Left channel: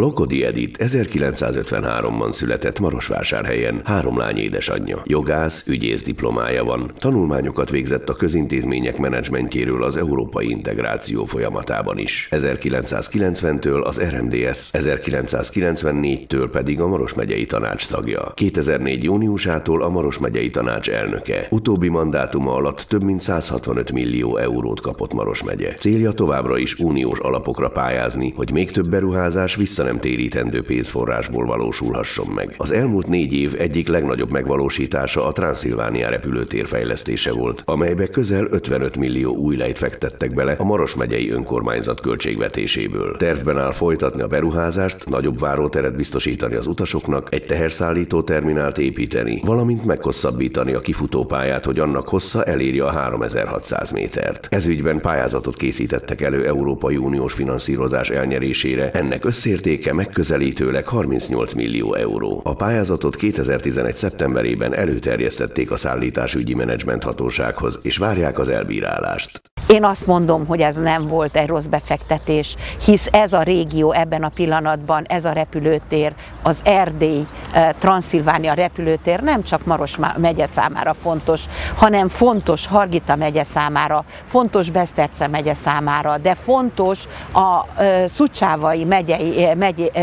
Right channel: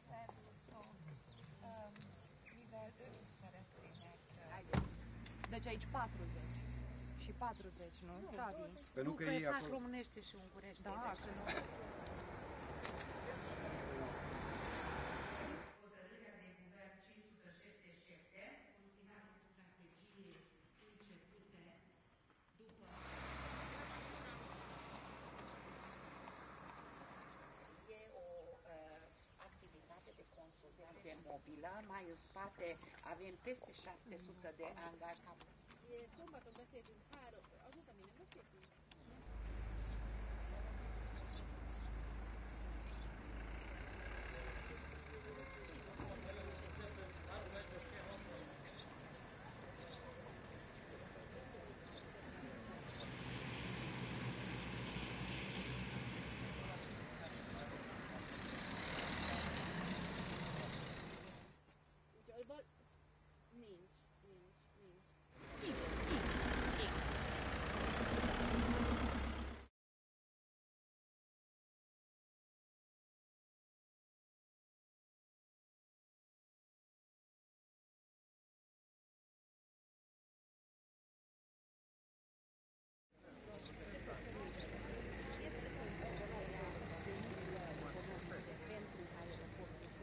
Lokodi Edith 1953-ban született Marosvásárhelyen, 3 lány édesanyja. Jogász, ügyész diplomája van, tanulmányokat végzett a közintézmények menedzsmentjéről az európai integráció folyamatában is. 1990-től az RMDSZ, 1994-től pedig a Maros megyei tanács tagja. 2004. júniusától a Maros megyei tanács elnöke. Utóbbi mandátuma alatt több mint 165 millió eurót kapott Maros megye. Célja továbbra is uniós alapokra pályázni, hogy még több beruházás vissza nem térítendő pénzforrásból valósulhasson meg. Az elmúlt 4 év egyik legnagyobb megvalósítása a Transzilvánia repülőtér fejlesztése volt, amelybe közel 55 millió új lejt fektettek bele a Maros megyei önkormányzat költségvetéséből. Tervben áll folytatni a beruházást, nagyobb váróteret biztosítani az utasoknak, egy teherszállító terminált építeni, valamint meghosszabbítani a kifutópályát, hogy annak hossza elérje a 3600 métert. Ez ügyben pályázatot készítettek elő Európai Uniós finanszírozás elnyerésére, ennek összértéke megközelítőleg 38 millió euró. A pályázatot 2011. szeptemberében előterjesztették a szállításügyi menedzsment hatósághoz, és várják az elbírálást. Én azt mondom, hogy ez nem volt egy rossz befektetés, hisz ez a régió ebben a pillanatban, ez a repülőtér, az Erdély, Transzilvánia repülőtér nem csak Maros megye számára fontos, hanem fontos Hargita megye számára, fontos Beszterce megye számára, de fontos a Szucsávai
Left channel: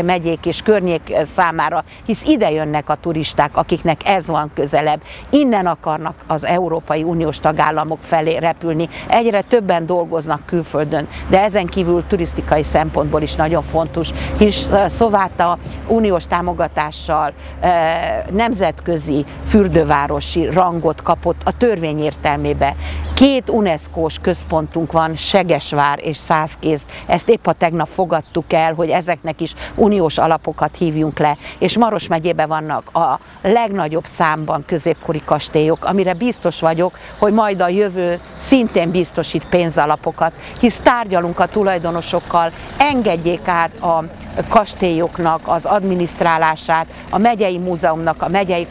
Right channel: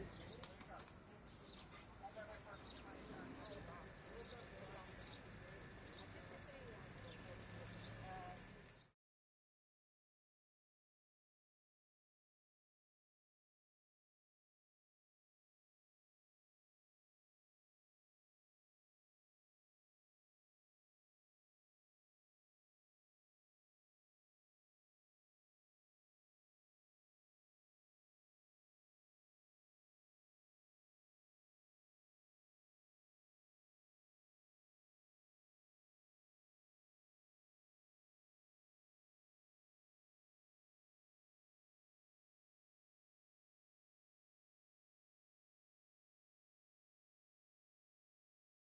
megyék és környék számára, hisz ide jönnek a turisták, akiknek ez van közelebb. Innen akarnak az Európai Uniós tagállamok felé repülni. Egyre többen dolgoznak külföldön, de ezen kívül turisztikai szempontból is nagyon fontos, hisz Szováta uniós támogatással nemzetközi fürdővárosi rangot kapott a törvény értelmében. 2 UNESCO-s központunk van, Segesvár és Szászkéz. Ezt épp a tegnap fogadtuk el, hogy ezeknek is uniós alapokat hívjunk le, és Maros megyében vannak a legnagyobb számban középkori kastélyok, amire biztos vagyok, hogy majd a jövő szintén biztosít pénzalapokat, hisz tárgyalunk a tulajdonosokkal, engedjék át a kastélyoknak az adminisztrálását, a megyei múzeumnak, a megyei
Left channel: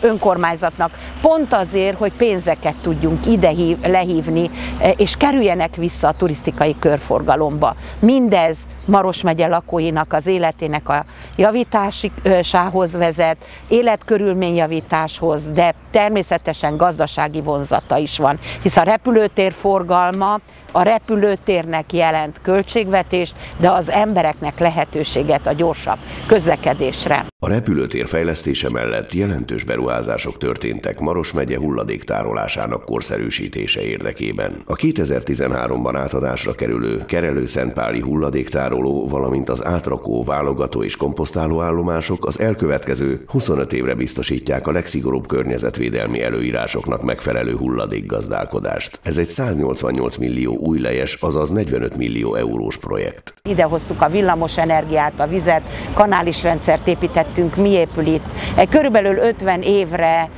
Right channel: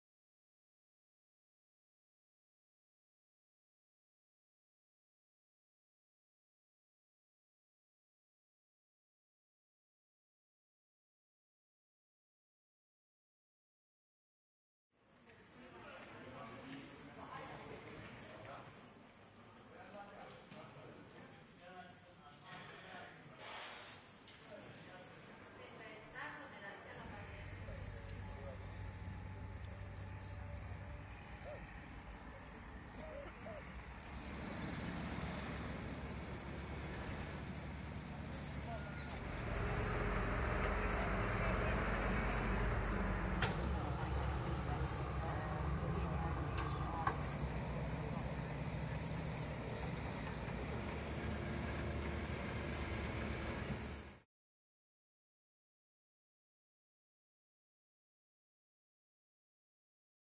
önkormányzatnak, pont azért, hogy pénzeket tudjunk ide lehívni, és kerüljenek vissza a turisztikai körforgalomba. Mindez Maros megye lakóinak az életének a javításához vezet, életkörülményjavításhoz, de természetesen gazdasági vonzata is van, hisz a repülőtér forgalma a repülőtérnek jelent költségvetést, de az embereknek lehetőséget a gyorsabb közlekedésre. A repülőtér fejlesztése mellett jelentős beruházások történtek Maros megye hulladéktárolásának korszerűsítése érdekében. A 2013-ban átadásra kerülő Kerelő-Szentpáli hulladéktároló, valamint az átrakó, válogató és komposztáló állomások az elkövetkező 25 évre biztosítják a legszigorúbb környezetvédelmi előírásoknak megfelelő hulladékgazdálkodást. Ez egy 188 millió újlejes, azaz 45 millió eurós projekt. Idehoztuk a villamos energiát, a vizet, kanális rendszert építettünk, mi épül itt. Egy körülbelül 50 évre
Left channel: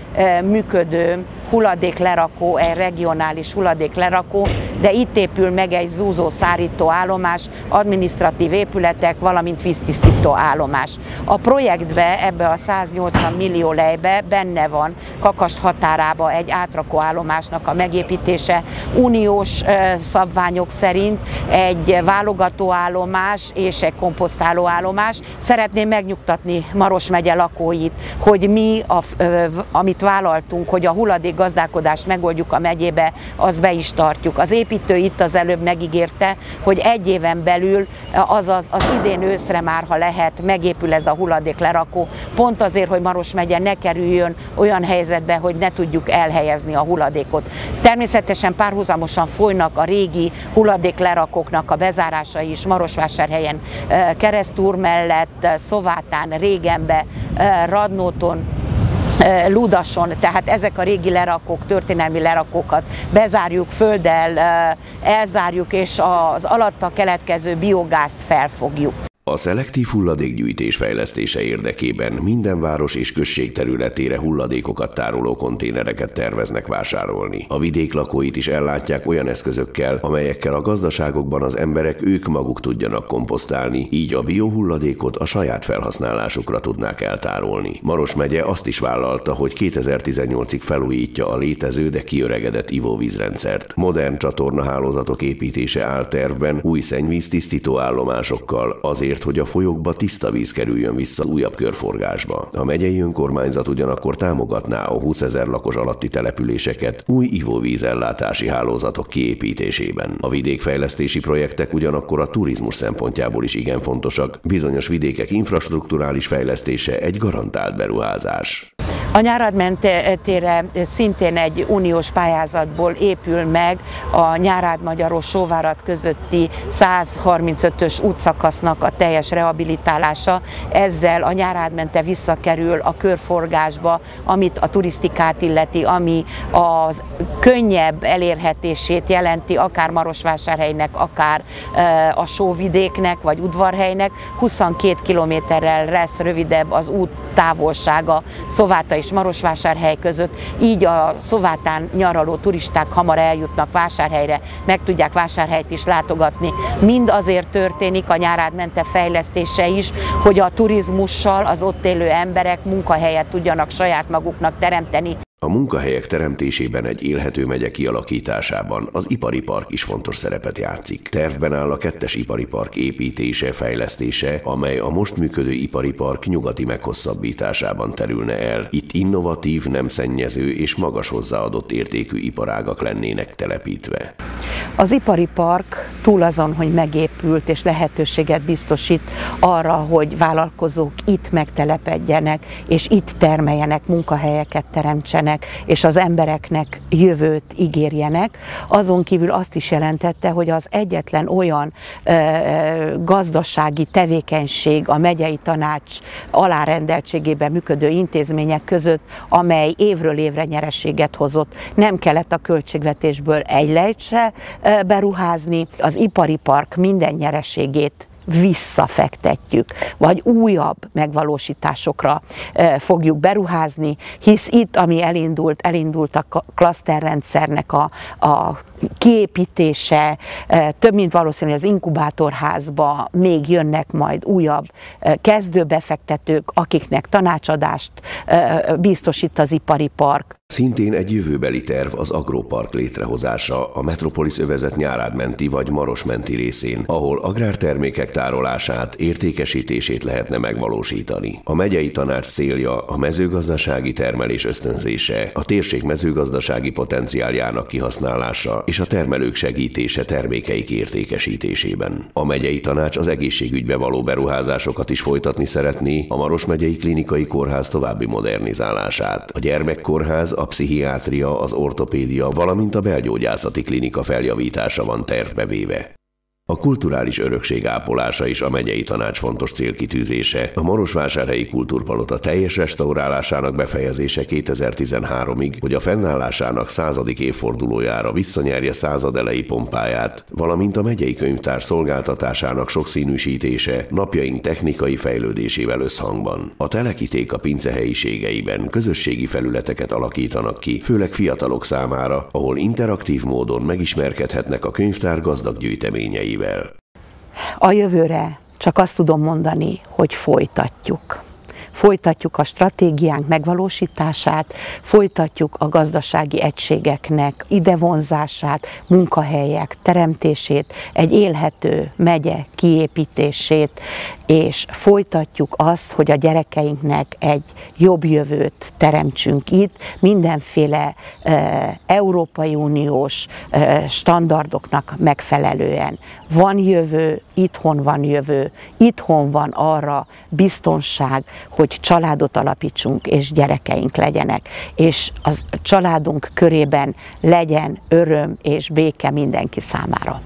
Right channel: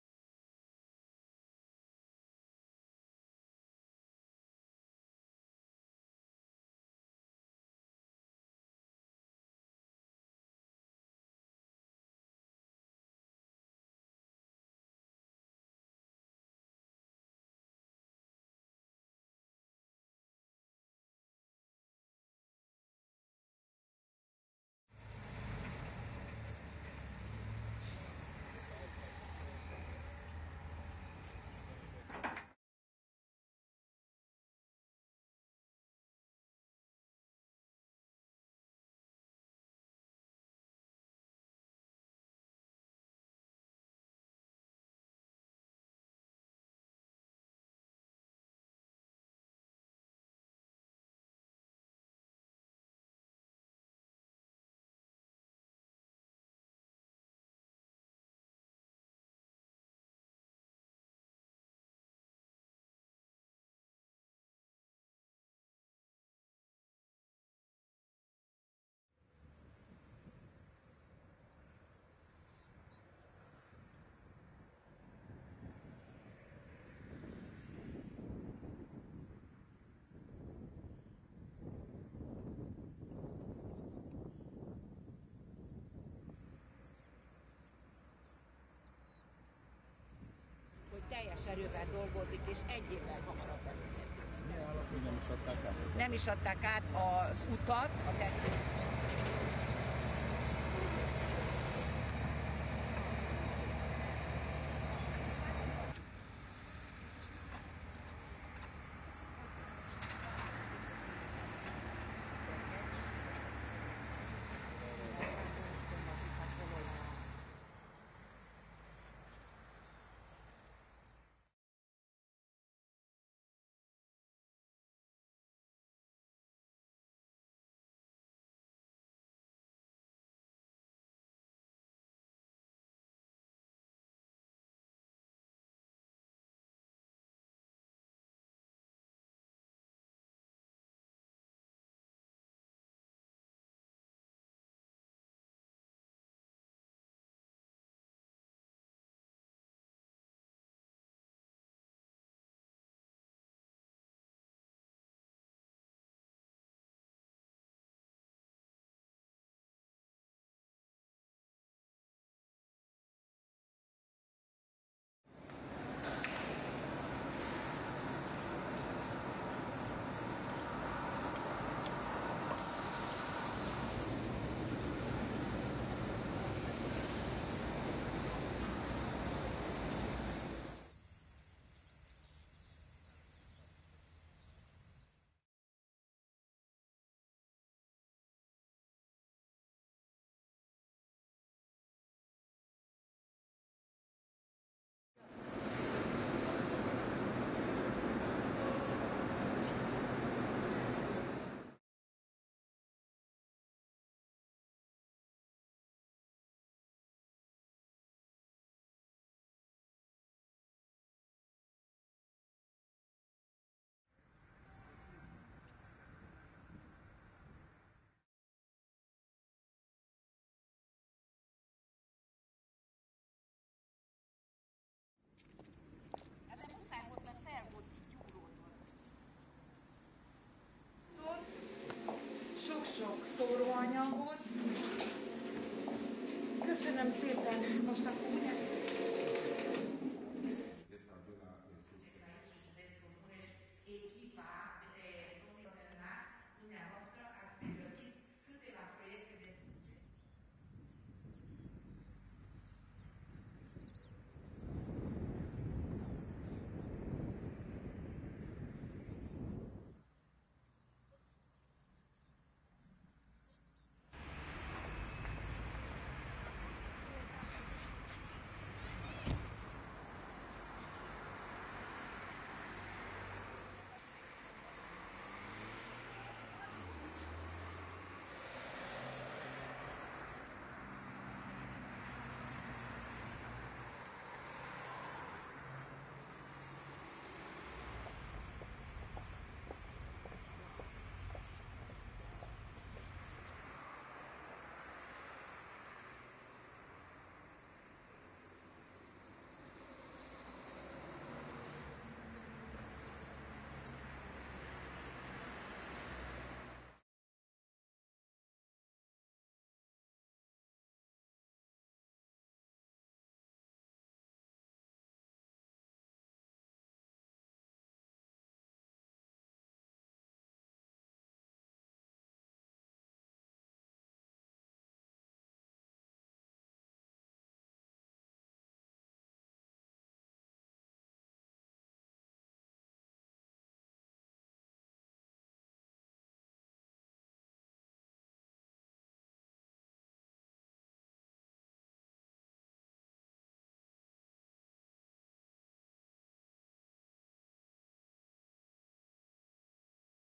működő hulladéklerakó, egy regionális hulladéklerakó, de itt épül meg egy zúzó szárító állomás, adminisztratív épületek, valamint víztisztító állomás. A projektbe, ebbe a 180 millió lejbe benne van Kakasd határába egy átrakó állomásnak a megépítése, uniós szabványok szerint egy válogató állomás és egy komposztáló állomás. Szeretném megnyugtatni Maros megye lakóit, hogy mi, amit vállaltunk, hogy a hulladék gazdálkodást megoldjuk a megyébe, azt be is tartjuk. Az építő itt az előbb megígérte, hogy 1 éven belül, azaz az idén őszre már, ha lehet, megépül ez a hulladéklerakó, pont azért, hogy Maros megye ne kerüljön olyan helyzetbe, hogy ne tudjuk elhelyezni a hulladékot. Természetesen párhuzamosan folynak a régi hulladéklerakóknak a bezárásai is Marosvásárhelyen, Keresztúr mellett, Szovátán, Régenbe, Radnóton, Ludason, tehát ezek a régi lerakók, történelmi lerakókat bezárjuk, földdel elzárjuk, és az alatta keletkező biogázt felfogjuk. A szelektív hulladékgyűjtés fejlesztése érdekében minden város és község területére hulladékokat tároló konténereket terveznek vásárolni. A vidék lakóit is ellátják olyan eszközökkel, amelyekkel a gazdaságokban az emberek ők maguk tudjanak komposztálni, így a biohulladékot a saját felhasználásukra tudnák eltárolni. Maros megye azt is vállalta, hogy 2018-ig felújítja a létező, de kiöregedett ivóvízrendszert. Modern csatornahálózatok építése áll tervben, új szennyvíz tisztító állomásokkal, azért, azért, hogy a folyókba tiszta víz kerüljön vissza újabb körforgásba. A megyei önkormányzat ugyanakkor támogatná a 20 000 lakos alatti településeket új ivóvízellátási hálózatok kiépítésében. A vidékfejlesztési projektek ugyanakkor a turizmus szempontjából is igen fontosak. Bizonyos vidékek infrastrukturális fejlesztése egy garantált beruházás. A Nyárad mentére szintén egy uniós pályázatból épül meg a Nyárád-Magyarós-Sóvárad közötti 135-ös útszakasznak a teljes rehabilitálása. Ezzel a Nyárád mente visszakerül a körforgásba, amit a turisztikát illeti, ami a könnyebb elérhetését jelenti, akár Marosvásárhelynek, akár a Sóvidéknek, vagy Udvarhelynek. 22 kilométerrel lesz rövidebb az út távolsága Szováta és Marosvásárhely között, így a Szovátán nyaraló turisták hamar eljutnak Vásárhelyre, meg tudják Vásárhelyt is látogatni. Mind azért történik a Nyárád mente fejlesztése is, hogy a turizmussal az ott élő emberek munkahelyet tudjanak saját maguknak teremteni. A munkahelyek teremtésében egy élhető megye kialakításában az ipari park is fontos szerepet játszik. Tervben áll a 2. ipari park építése, fejlesztése, amely a most működő ipari park nyugati meghosszabbításában terülne el. Itt innovatív, nem szennyező és magas hozzáadott értékű iparágak lennének telepítve. Az ipari park túl azon, hogy megépült és lehetőséget biztosít arra, hogy vállalkozók itt megtelepedjenek, és itt termeljenek, munkahelyeket teremtsenek, és az embereknek jövőt ígérjenek. Azon kívül azt is jelentette, hogy az egyetlen olyan gazdasági tevékenység a megyei tanács alárendeltségében működő intézmények között, amely évről évre nyereséget hozott. Nem kellett a költségvetésből egy lejt se beruházni, az ipari park minden nyereségét visszafektetjük, vagy újabb megvalósításokra fogjuk beruházni, hisz itt, ami elindult a klaszterrendszernek a kiépítése, több mint valószínű, az inkubátorházba még jönnek majd újabb kezdőbefektetők, akiknek tanácsadást biztosít az ipari park. Szintén egy jövőbeli terv az agropark létrehozása a Metropolis övezet Nyárád menti vagy Maros menti részén, ahol agrártermékek tárolását, értékesítését lehetne megvalósítani. A megyei tanács célja a mezőgazdasági termelés ösztönzése, a térség mezőgazdasági potenciáljának kihasználása és a termelők segítése termékeik értékesítésében. A megyei tanács az egészségügybe való beruházásokat is folytatni szeretné, a Maros megyei klinikai kórház további modernizálását, a gyermekkórház, a pszichiátria, az ortopédia, valamint a belgyógyászati klinika feljavítása van tervbe véve. A kulturális örökség ápolása is a megyei tanács fontos célkitűzése. A Marosvásárhelyi Kultúrpalota teljes restaurálásának befejezése 2013-ig, hogy a fennállásának 100. évfordulójára visszanyerje századelei pompáját, valamint a megyei könyvtár szolgáltatásának sokszínűsítése napjaink technikai fejlődésével összhangban. A telekiték a pince helyiségeiben közösségi felületeket alakítanak ki, főleg fiatalok számára, ahol interaktív módon megismerkedhetnek a könyvtár gazdag gyűjteményeivel. A jövőre csak azt tudom mondani, hogy folytatjuk. Folytatjuk a stratégiánk megvalósítását, folytatjuk a gazdasági egységeknek idevonzását, munkahelyek teremtését, egy élhető megye kiépítését, és folytatjuk azt, hogy a gyerekeinknek egy jobb jövőt teremtsünk itt, mindenféle Európai Uniós standardoknak megfelelően. Van jövő, itthon van arra biztonság, hogy családot alapítsunk és gyerekeink legyenek, és a családunk körében legyen öröm és béke mindenki számára.